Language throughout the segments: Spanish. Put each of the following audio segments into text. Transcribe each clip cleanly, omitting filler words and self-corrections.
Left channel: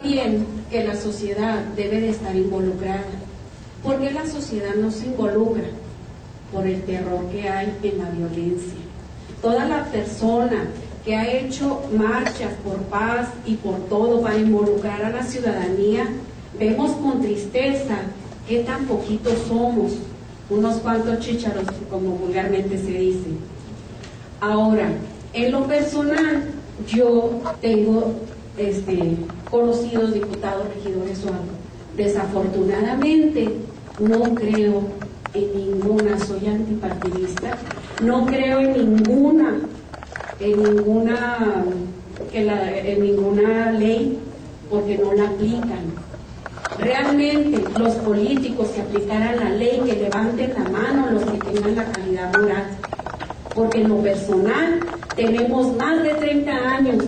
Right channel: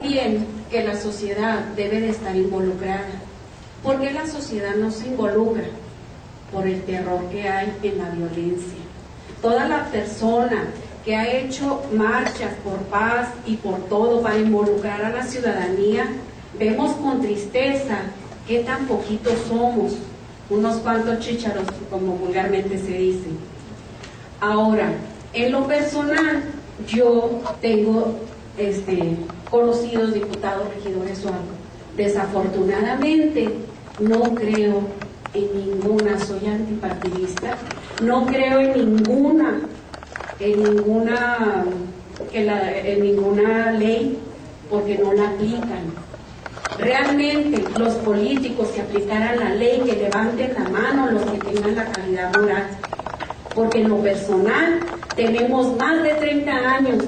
Bien, que la sociedad debe de estar involucrada. ¿Por qué la sociedad no se involucra? Por el terror que hay en la violencia. Toda la persona que ha hecho marchas por paz y por todo para involucrar a la ciudadanía, vemos con tristeza que tan poquitos somos, unos cuantos chícharos, como vulgarmente se dice. Ahora, en lo personal, yo tengo conocidos diputados, regidores o algo. Desafortunadamente, no creo en ninguna, soy antipartidista, no creo en ninguna ley, porque no la aplican. Realmente los políticos que aplicaran la ley, que levanten la mano los que tengan la calidad moral, porque en lo personal tenemos más de 30 años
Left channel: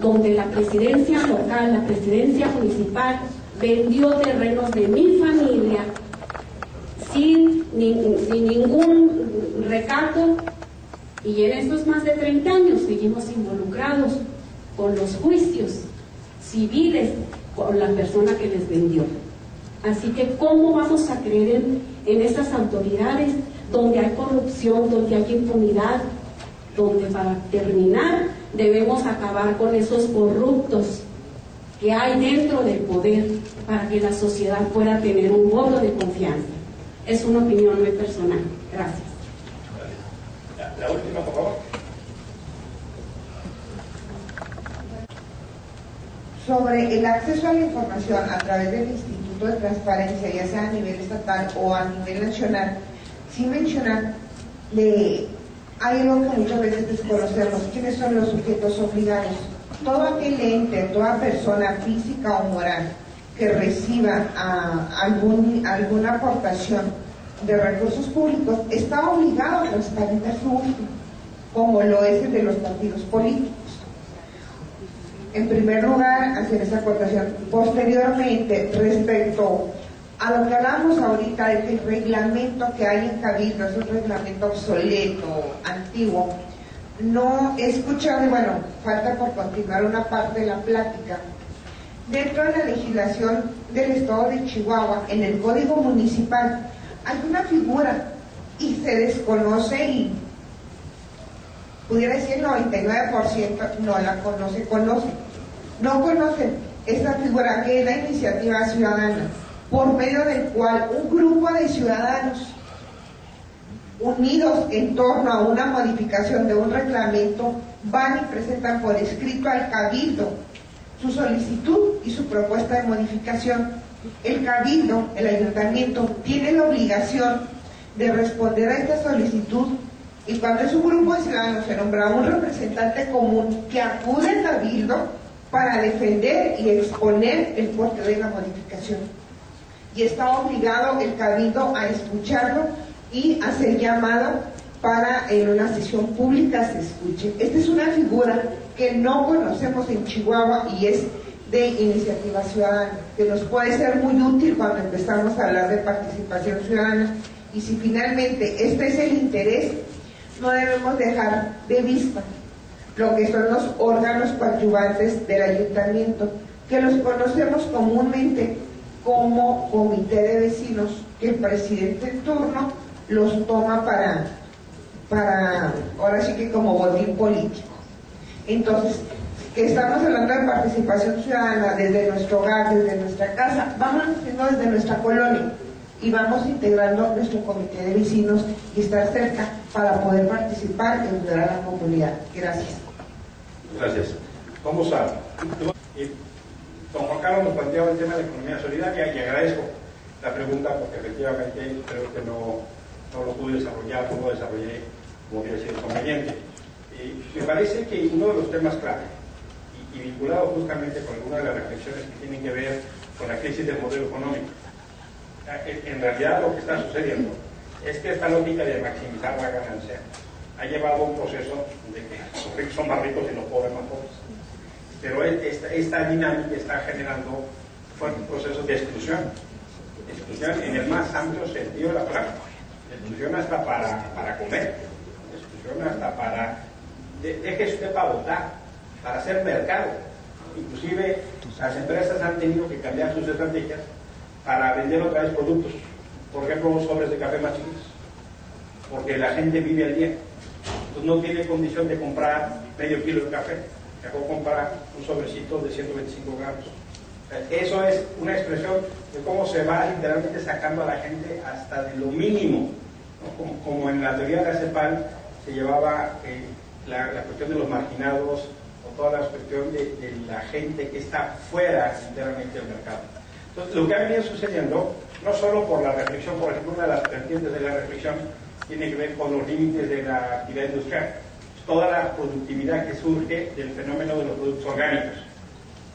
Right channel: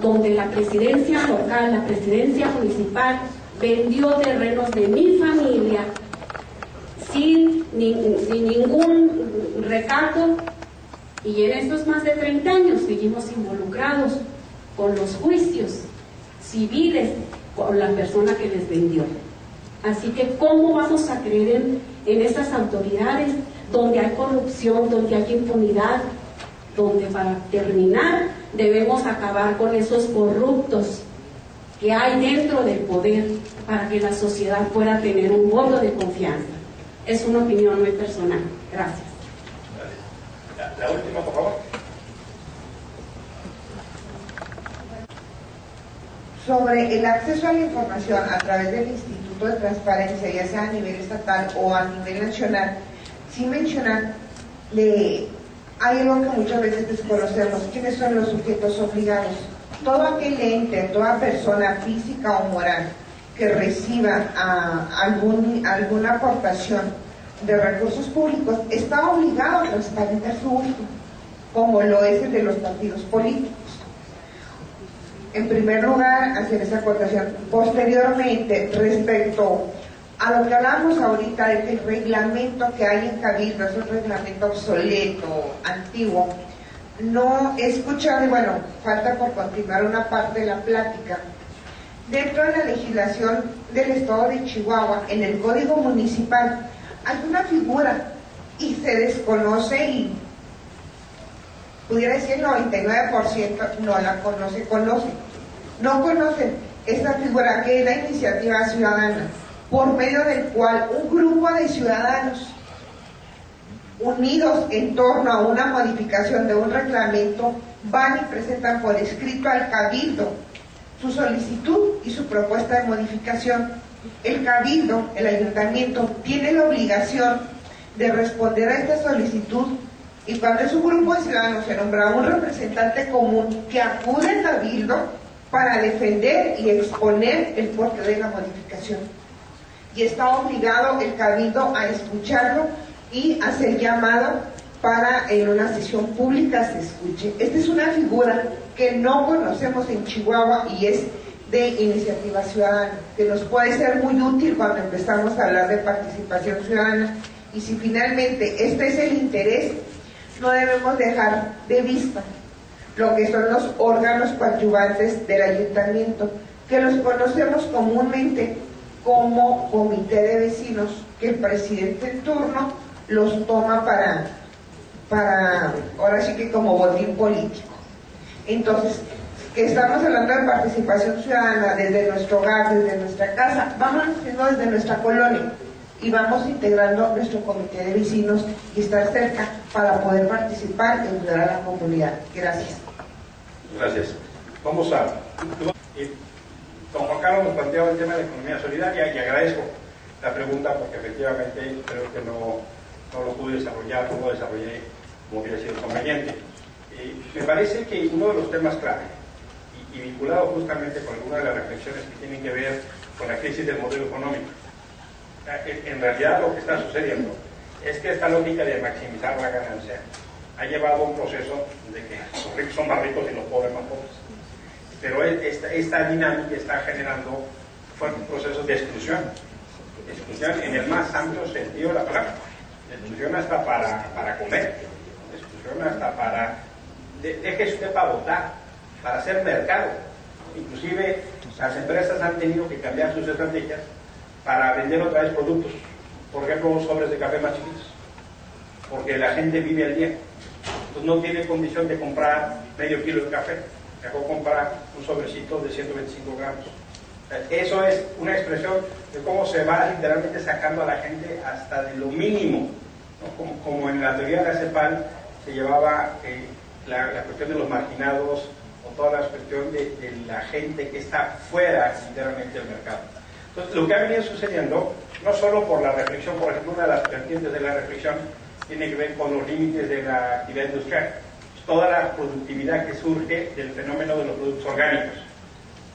donde la presidencia local, la presidencia municipal vendió terrenos de mi familia sin ningún recato, y en estos más de 30 años seguimos involucrados con los juicios civiles con la persona que les vendió. Así que ¿cómo vamos a creer en estas autoridades donde hay corrupción, donde hay impunidad, donde para terminar debemos acabar con esos corruptos que hay dentro del poder para que la sociedad pueda tener un voto de confianza? Es una opinión muy personal. Gracias. La última, por favor. Sobre el acceso a la información a través del Instituto de Transparencia, ya sea a nivel estatal o a nivel nacional, sin mencionar, hay algo que muchas veces desconocemos: ¿quiénes son los sujetos obligados? Todo aquel ente, toda persona física o moral que reciba alguna aportación de recursos públicos está obligado a transparentar su uso, como lo es el de los partidos políticos. En primer lugar, hacer esa aportación. Posteriormente, respecto a lo que hablamos ahorita del reglamento que hay en Cabildo, es un reglamento obsoleto, antiguo. No he escuchado, y bueno, falta por continuar una parte de la plática. Dentro de la legislación del Estado de Chihuahua, en el Código Municipal, hay una figura y se desconoce, y pudiera decir el 99% no la conoce. No conocen esta figura, que es la iniciativa ciudadana, por medio del cual un grupo de ciudadanos unidos en torno a una modificación de un reglamento van y presentan por escrito al Cabildo su solicitud y su propuesta de modificación. El Cabildo, el ayuntamiento, tiene la obligación de responder a esta solicitud, y cuando es un grupo de ciudadanos se nombra un representante común que acude al Cabildo para defender y exponer el porqué de la modificación. Y está obligado el Cabildo a escucharlo y hacer llamado para en una sesión pública se escuche. Esta es una figura que no conocemos en Chihuahua y es de iniciativa ciudadana, que nos puede ser muy útil cuando empezamos a hablar de participación ciudadana. Y si finalmente este es el interés, no debemos dejar de vista lo que son los órganos coadyuvantes del ayuntamiento, que los conocemos comúnmente como comité de vecinos, que el presidente en turno los toma para ahora sí que como botín político. Entonces, que estamos hablando de participación ciudadana desde nuestro hogar, desde nuestra casa, vamos haciendo desde nuestra colonia y vamos integrando nuestro comité de vecinos y estar cerca para poder participar y ayudar a la comunidad. Gracias. Gracias. Vamos a... Don Juan Carlos nos planteaba el tema de economía solidaria y agradezco la pregunta porque efectivamente creo que no lo pude desarrollar, no lo desarrollé como hubiera sido conveniente. Me parece que uno de los temas clave y vinculado justamente con alguna de las reflexiones que tienen que ver con la crisis del modelo económico, en realidad lo que está sucediendo es que esta lógica de maximizar la ganancia ha llevado a un proceso de que los ricos son más ricos y los pobres más pobres. Pero esta dinámica está generando fuertes procesos de exclusión en el más amplio sentido de la palabra. Exclusión hasta para comer, exclusión hasta para... Deje usted para votar, para hacer mercado. Inclusive las empresas han tenido que cambiar sus estrategias para vender otra vez productos, por ejemplo, sobres de café más chiquitos, porque la gente vive al día, entonces no tiene condición de comprar medio kilo de café, mejor comprar un sobrecito de 125 gramos. Eso es una expresión de cómo se va literalmente sacando a la gente hasta de lo mínimo, ¿no? Como en la teoría de la CEPAL se llevaba la cuestión de los marginados o toda la cuestión de la gente que está fuera literalmente del mercado. Entonces, lo que ha venido sucediendo, no solo por la reflexión, por ejemplo, una de las vertientes de la reflexión tiene que ver con los límites de la actividad industrial, toda la productividad que surge del fenómeno de los productos orgánicos,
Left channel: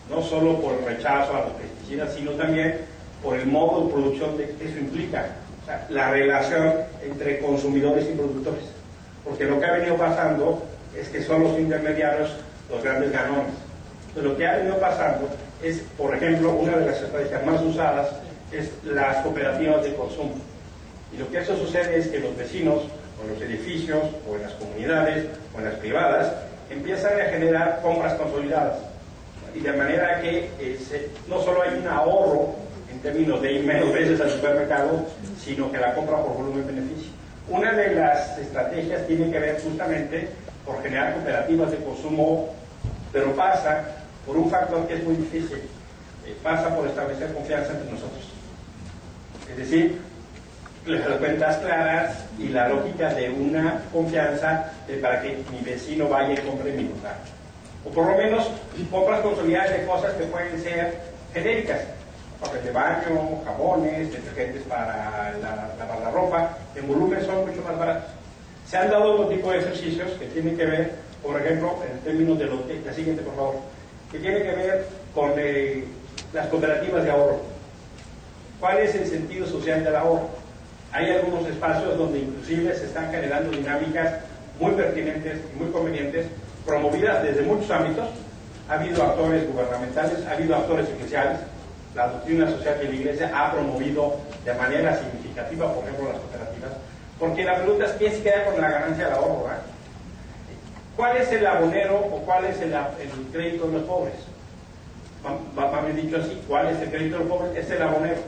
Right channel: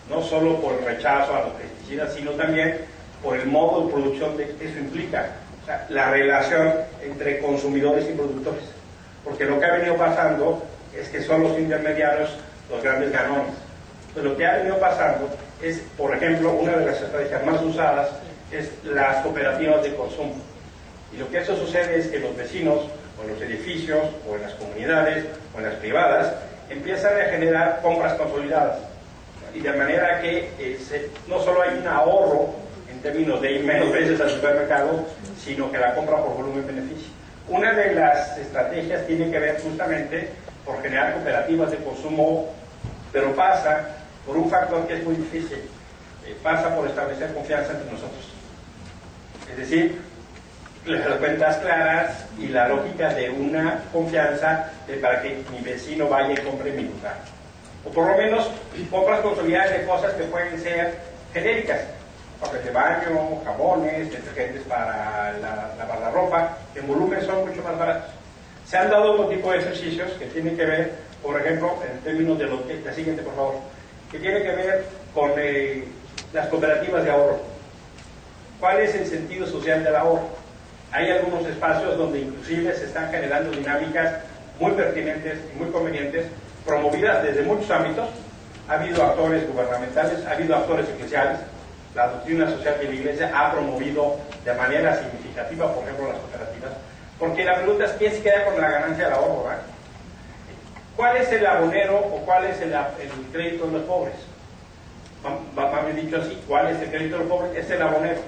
no solo por el rechazo a los pesticidas, sino también por el modo de producción que eso implica, o sea, la relación entre consumidores y productores, porque lo que ha venido pasando es que son los intermediarios los grandes ganones. Entonces, lo que ha venido pasando es, por ejemplo, una de las estrategias más usadas es las cooperativas de consumo. Y lo que eso sucede es que los vecinos, o en los edificios, o en las comunidades, o en las privadas, empiezan a generar compras consolidadas. Y de manera que no solo hay un ahorro en términos de ir menos veces al supermercado, sino que la compra por volumen beneficia. Una de las estrategias tiene que ver justamente por generar cooperativas de consumo, pero pasa por un factor que es muy difícil, pasa por establecer confianza entre nosotros. Es decir, las cuentas claras y la lógica de una confianza para que mi vecino vaya y compre mi lugar. O por lo menos compras consolidadas de cosas que pueden ser genéricas, papel de baño, jabones, detergentes para lavar la ropa, que en volumen son mucho más baratos. Se han dado otro tipo de ejercicios que tienen que ver, por ejemplo, en términos de la siguiente, por favor, que tiene que ver con las cooperativas de ahorro. ¿Cuál es el sentido social del ahorro? Hay algunos espacios donde inclusive se están generando dinámicas muy pertinentes y muy convenientes, promovidas desde muchos ámbitos. Ha habido actores gubernamentales, ha habido actores eclesiales. La doctrina social de la Iglesia ha promovido de manera significativa, por ejemplo, las cooperativas, porque la pregunta es ¿quién se queda con la ganancia del ahorro? ¿Verdad? ¿Cuál es el abonero o cuál es el crédito de los pobres? Más bien dicho así, ¿cuál es el crédito de los pobres? Es el abonero,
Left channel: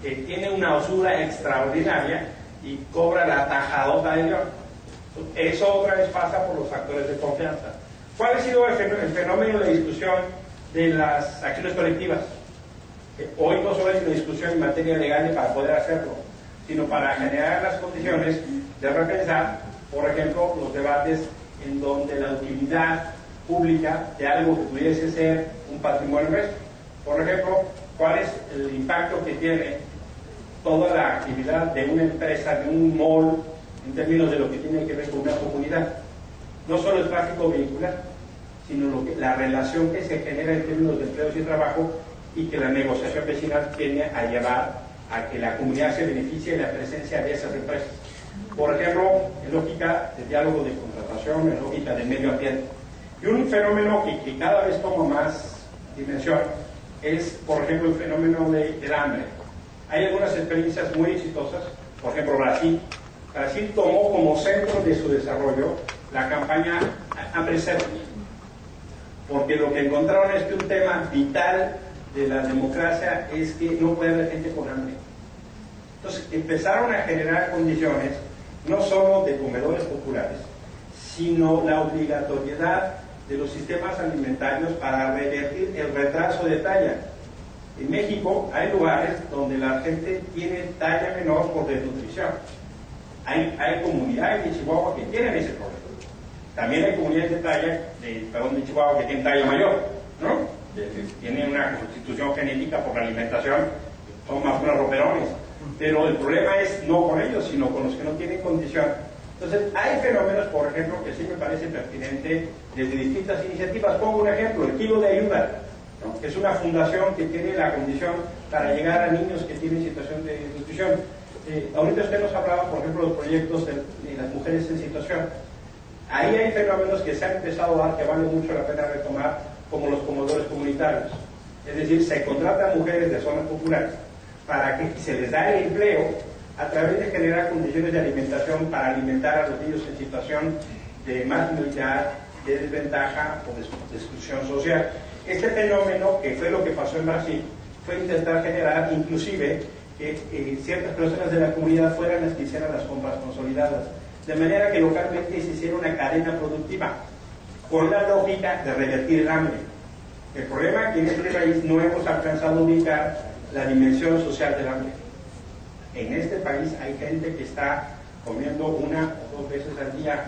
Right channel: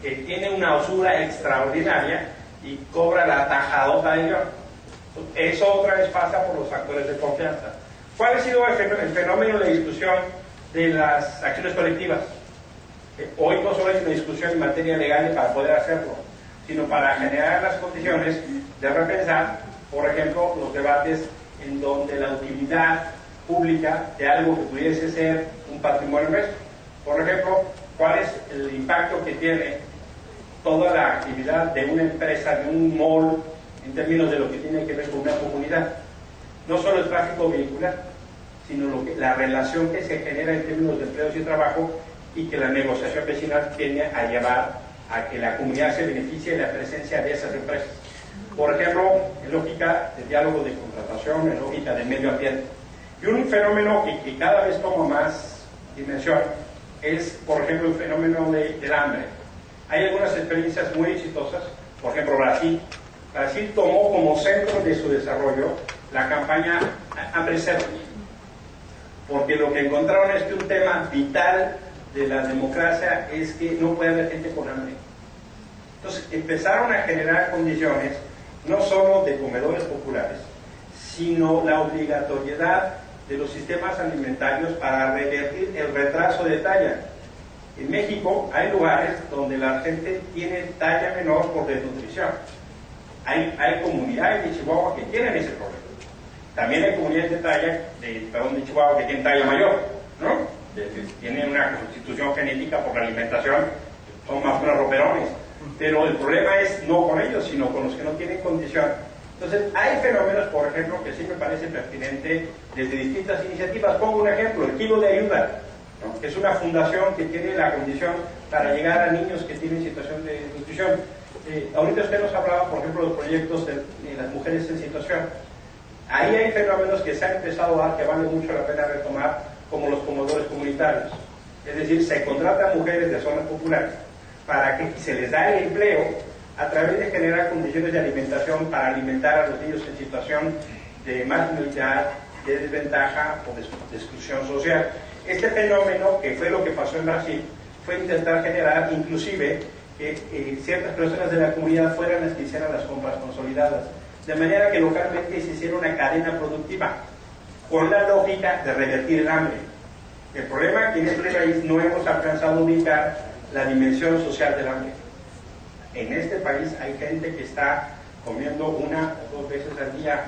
que tiene una usura extraordinaria y cobra la tajadota de Dios. Eso otra vez pasa por los factores de confianza. ¿Cuál ha sido el fenómeno de discusión de las acciones colectivas? Hoy no solo es una discusión en materia legal para poder hacerlo, sino para generar las condiciones de repensar, por ejemplo, los debates en donde la utilidad pública de algo que pudiese ser un patrimonio nuestro. Por ejemplo, ¿cuál es el impacto que tiene toda la actividad de una empresa, de un mall, en términos de lo que tiene que ver con una comunidad? No solo el tráfico vehicular, sino la relación que se genera en términos de empleos y trabajo, y que la negociación vecinal tiene a llevar a que la comunidad se beneficie de la presencia de esas empresas. Por ejemplo, en lógica de diálogo de contratación, en lógica de medio ambiente. Y un fenómeno que cada vez toma más dimensión es, por ejemplo, el fenómeno del hambre. Hay algunas experiencias muy exitosas, por ejemplo, Brasil. Brasil tomó como centro de su desarrollo la campaña Hambre Cero, porque lo que encontraron es que un tema vital de la democracia es que no puede haber gente con hambre. Entonces empezaron a generar condiciones no solo de comedores populares, sino la obligatoriedad de los sistemas alimentarios para revertir el retraso de talla. En México hay lugares donde la gente tiene talla menor por desnutrición. Hay comunidades de Chihuahua que tienen ese problema. También hay comunidades de Chihuahua que tienen talla mayor, ¿no? Tienen una constitución genética por la alimentación, son más unos roperones. Pero el problema es no con ellos, sino con los que no tienen condición. Entonces, hay fenómenos, por ejemplo, que sí me parece pertinente desde distintas iniciativas. Pongo un ejemplo, el Kilo de Ayuda, ¿no? Que es una fundación que tiene la condición para llegar a niños que tienen situación de desnutrición. Ahorita usted nos hablaba, por ejemplo, de los proyectos de las mujeres en situación. Ahí hay fenómenos que se han empezado a dar que vale mucho la pena retomar, como los comedores comunitarios. Es decir, se contratan mujeres de zonas populares para que se les da el empleo a través de generar condiciones de alimentación para alimentar a los niños en situación de marginalidad, de desventaja o de exclusión social. Este fenómeno, que fue lo que pasó en Brasil, fue intentar generar inclusive que ciertas personas de la comunidad fueran las que hicieran las compras consolidadas, de manera que localmente se hiciera una cadena productiva, con la lógica de revertir el hambre. El problema es que en este país no hemos alcanzado a ubicar la dimensión social del hambre. En este país hay gente que está comiendo 1 o 2 veces al día